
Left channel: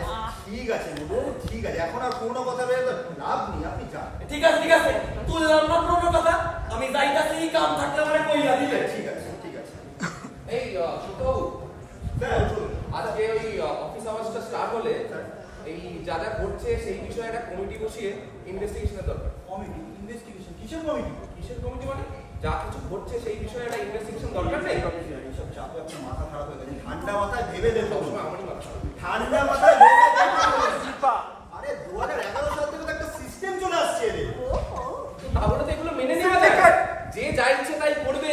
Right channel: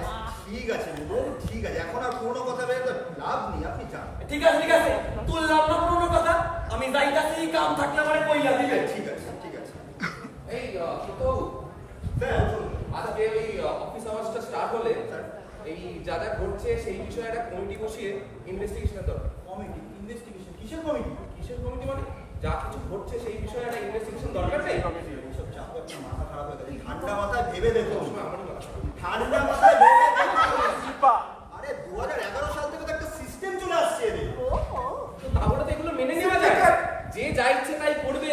ঠিক আছে মধু ঠিক আছে এখন আর পুরনো কথা ভেবে লাভ নেই আপনি যান ঠিক আছে তুললাম না পুরনো কথা আমি যাইতাছি এই কাম থাকলে আমারে কইলা দিবেন ঠিক আছে এই তো স্যার আজকে ওই অফিস আওয়ার্সটা স্টার্ট হলে এই যা যা ঘটছে সেই বিষয়ে একটা কমিটি বসিয়ে ইনভেস্টিগেশনের দরকার কমিটি ইনভেস্টিগেশন কিসের কমিটি কিসের কমিটি মানে যা কিছু ঘটছে সেই বিষয়ে একটা ইনভেস্টিগেশন দরকার নেই এইসব চাপে আপনার মাথা খারাপ হয়ে গেছে ঠান্ডা মাথায় ভেবে দেখুন সবসময় আমারই মাথা খারাপ। ঠান্ডা মাথায় ভেবে দেখুন আরে 2011 সাল থেকে তো একটা সিস্টেম চলে আসছে এদের তাহলে তো এগুলো মেনে নেওয়া যায় যে যা ইচ্ছে তাই করবে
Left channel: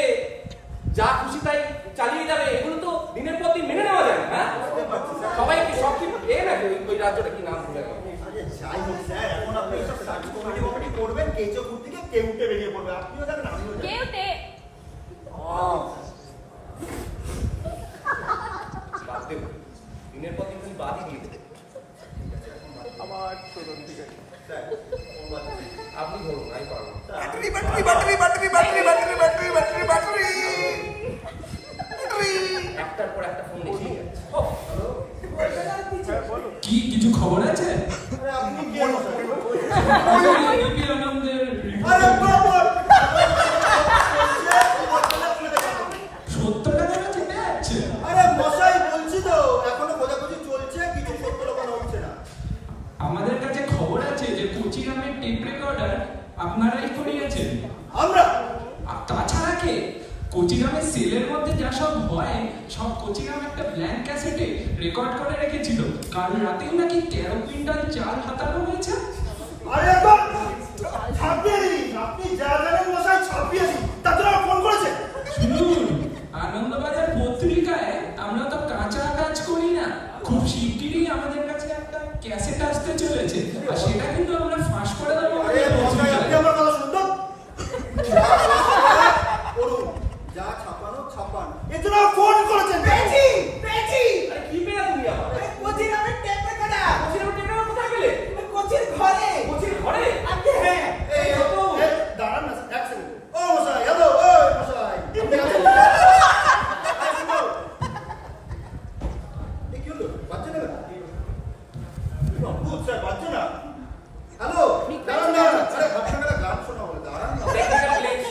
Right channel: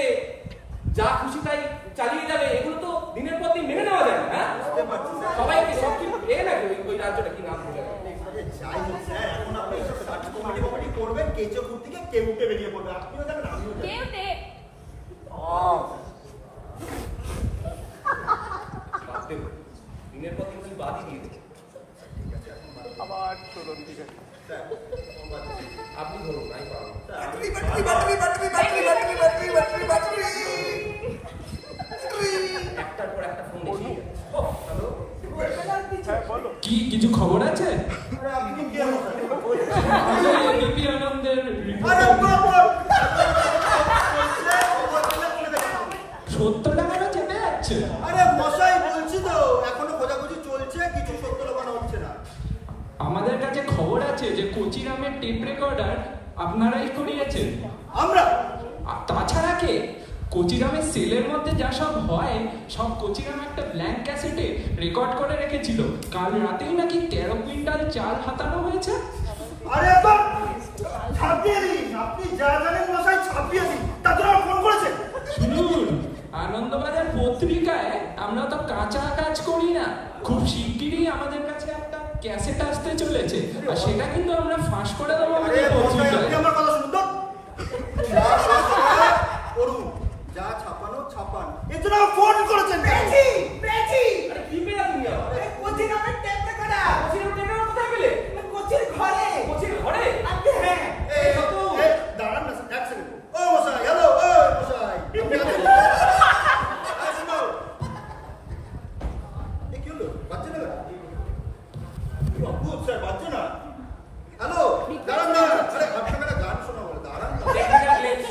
যা খুশি তাই চালিয়ে যাবে এগুলো তো দিনের পর দিন মেনে নেওয়া যায় না হ্যাঁ বুঝতে পারছি স্যার সবাইকে সব কি নাকি ওই রাজ্যটা কি নাম ভুলে গেল আরে যাই হোক স্যার এখন আপনি এইসব সার্চ কমিটি করবেন কেচপুর থেকে কেউটে বেরিয়ে পড়বে আপনিও জানেন আমিও জানি কেউটে বাদ দেবে দিনের পর দিন কি বাদই দিয়ে দেবে ঠিক আছে এখন আমার ছোট দিদি স্যার কোন বাদ দিদি আপনি ধরুন নাই পারবো একটার পর একটা ফোন এসেই যাচ্ছে ও হ্যালো কি কিছু খবর আছে? আরে আপনি কে মশাই এবিপি আনন্দের আরে বাবা সত্যটা কেন চেপে যাচ্ছে? আরে মশাই বলছি তো এখনো খোঁজাখুঁজি চলছে কিছু সত্য লোকানো হচ্ছে না আমাদের কাছে খবর আছে যে কোচি নামের টেপ রেকর্ডার আপনারাই করিয়েছেন। আমরা আর তাছাড়া কে কোচিরামের সেলের মধ্যে যা সব হয় সব কোচিরাম একটা ব্ল্যাঙ্ক ক্যাসেটে রেকর্ড করে রেখেছিল কাল রাতেই নাকি 13 কুইন্টাল চাল হাতানো হয়েছে। আরে তো ছাপিয়ে দিন আপনি যা জানেন মশাই ছাপিয়ে দিন তার জন্য ফোন করেছেন শুনুন আনন্দবাজার পত্রিকায় আমরা তো কাঁচা কাজ করি না খুব শিগগিরই আমাদের কাছে একটা ক্যাসেট আসতে চলেছে আর সেটা কিন্তু আমরা ফাঁস করে দেবো। আরে মশাই আপনি আমার কথা শুনুন তো করুন যা ছাপানো ছাপান এর জন্য ফোন করেছেন পেয়েছি আরে কি পেলা তুমি আবার আরে কোচির নামের টেপ রেকর্ডার কোচির টেবিলের কোথায় পেলে কোচির ঘরে কোচির ঘরে আপনি হ্যাঁ এই দাঁড়ান না এক সেকেন্ড ও মশাই হ্যালো ও মশাই আপনি আছেন আরে শুনো এই কি হলো বাচ্চা না বাবু স্যার বাচ্চা না হ্যালো দাঁড়ান না আরে আপনাকে একটা গান শোনা বলে দাঁড়ান না টেকনিক্যাল গ্লিচ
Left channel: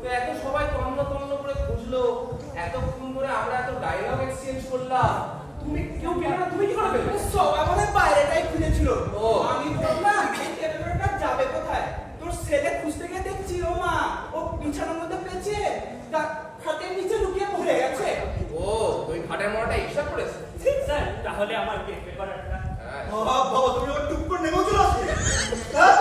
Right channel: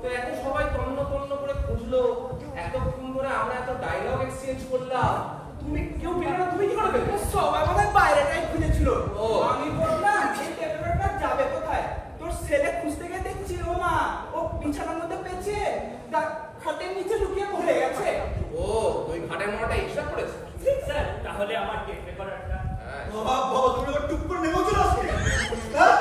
তো এত সবাই তন্ন তন্ন করে খুঁজলো এতক্ষণ ধরে আমরা এত ডায়লগ এক্সচেঞ্জ করলাম তুমি কেউ পেলে না তুমি কি করে পেলে সব আমাদের বাইরেটাই খুঁজেছিল ও। আমি বললাম এই টেপ রেকর্ডারটা যাবে কোথায় তোর ছেলে খুঁজতে গিয়ে দেখছি ও মা ও বিছানার মধ্যে পেয়েছে খাটের নিচে লুকিয়ে পড়ে গেছে ও ওই ঘাটের মোড়াটা হিসাব করেছে স্যার তাহলে আমার টেপ রেকর্ডারটা হ্যাঁ বাবা তুমি ওর টুক করে নেমে চলে আসছে হ্যাঁ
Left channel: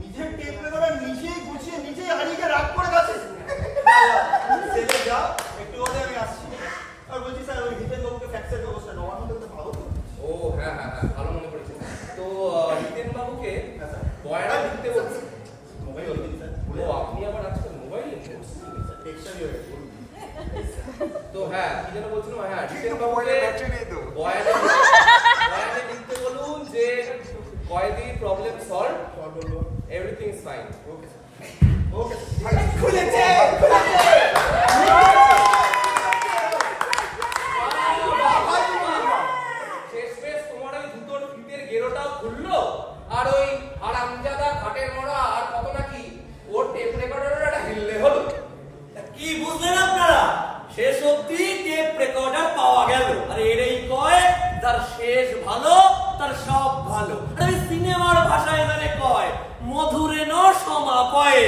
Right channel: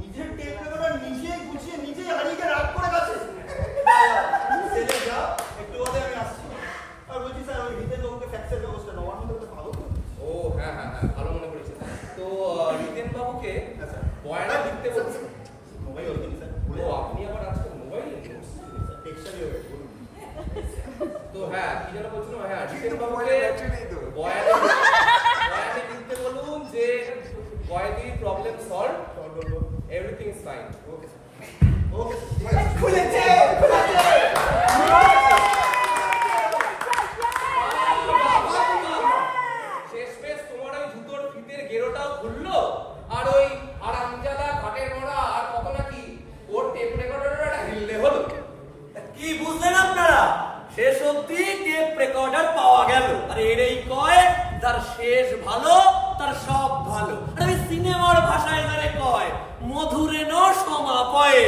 নিজের টেপ রেকর্ডার নিজেই গুছিয়ে নিজেই হারিয়ে রাগ করে গেছে ছেলে যা একটু বাদে আমি আসছি আর বলছি স্যার ওই হিতেশ বাবুকে ফ্যাক্সের ব্যবস্থা নবান্ন থেকে পাবো তো ও হ্যাঁ হ্যাঁ হ্যাঁ ভালো মনে করেছেন তো রিতেন বাবুকে হ্যাঁ স্যার বয়ানা লিখতে বলছে মোবাইল ওই স্যার ও আপনি আবার আজকাল মোবাইল টেক্সটারই হয়ে গেছে তো হ্যাঁ কি যেন বলছিলাম, হ্যাঁ জিতেন বাবুকে বয়ানে লিখতে বলুন যে কয়েদি problem solve, everything is fine. Okay sir, okay খুলেছে শেষমেশ তোমার ওই জুতোর ফিতের গেরোটাও খুললো, আর ওই হারামজাদা ঘাটের মরা আর কত নাকি ওর টেপ রেকর্ডারটা হিললে হলো। কি বুঝলেন আপনারা? শেষ অব্দি টেপ রেকর্ডার পাওয়া গেল, আর এরই কয় তার শেষ ভালো তার সব ভালো। আর ওই সিনেমার ভাষায় তারে কয় মধুরে ন সমাপয়ে।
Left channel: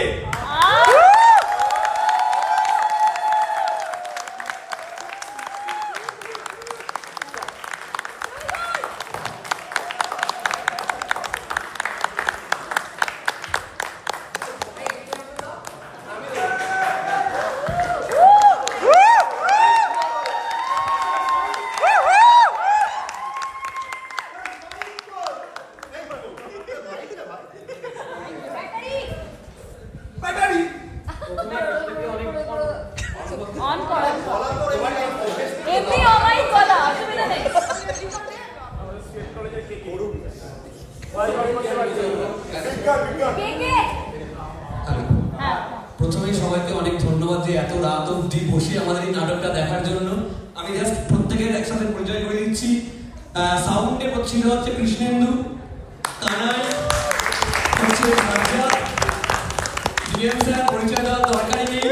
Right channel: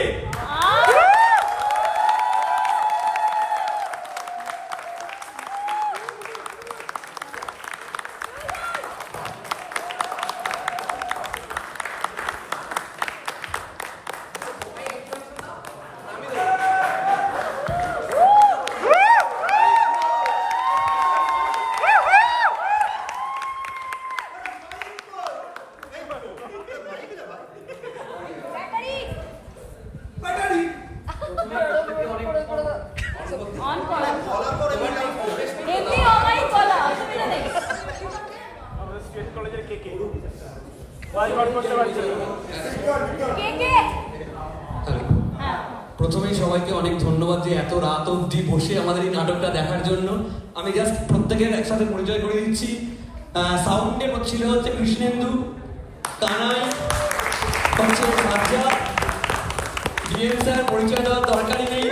প্রথমেই সবাইকে অনেক ধন্যবাদ যে এত রাত অবধি বসে আমাদের এই নাটকটা দেখার জন্য। আমি জাস্ট প্রত্যেকের একসাথে পরিচয় করে দিচ্ছি। সাউন্ডে ছিল হচ্ছে কৃষ্ণেন্দু, কানাই হচ্ছে রাজা, ডিএম স্যার পরিচয় দেওয়ার দরকারই নেই।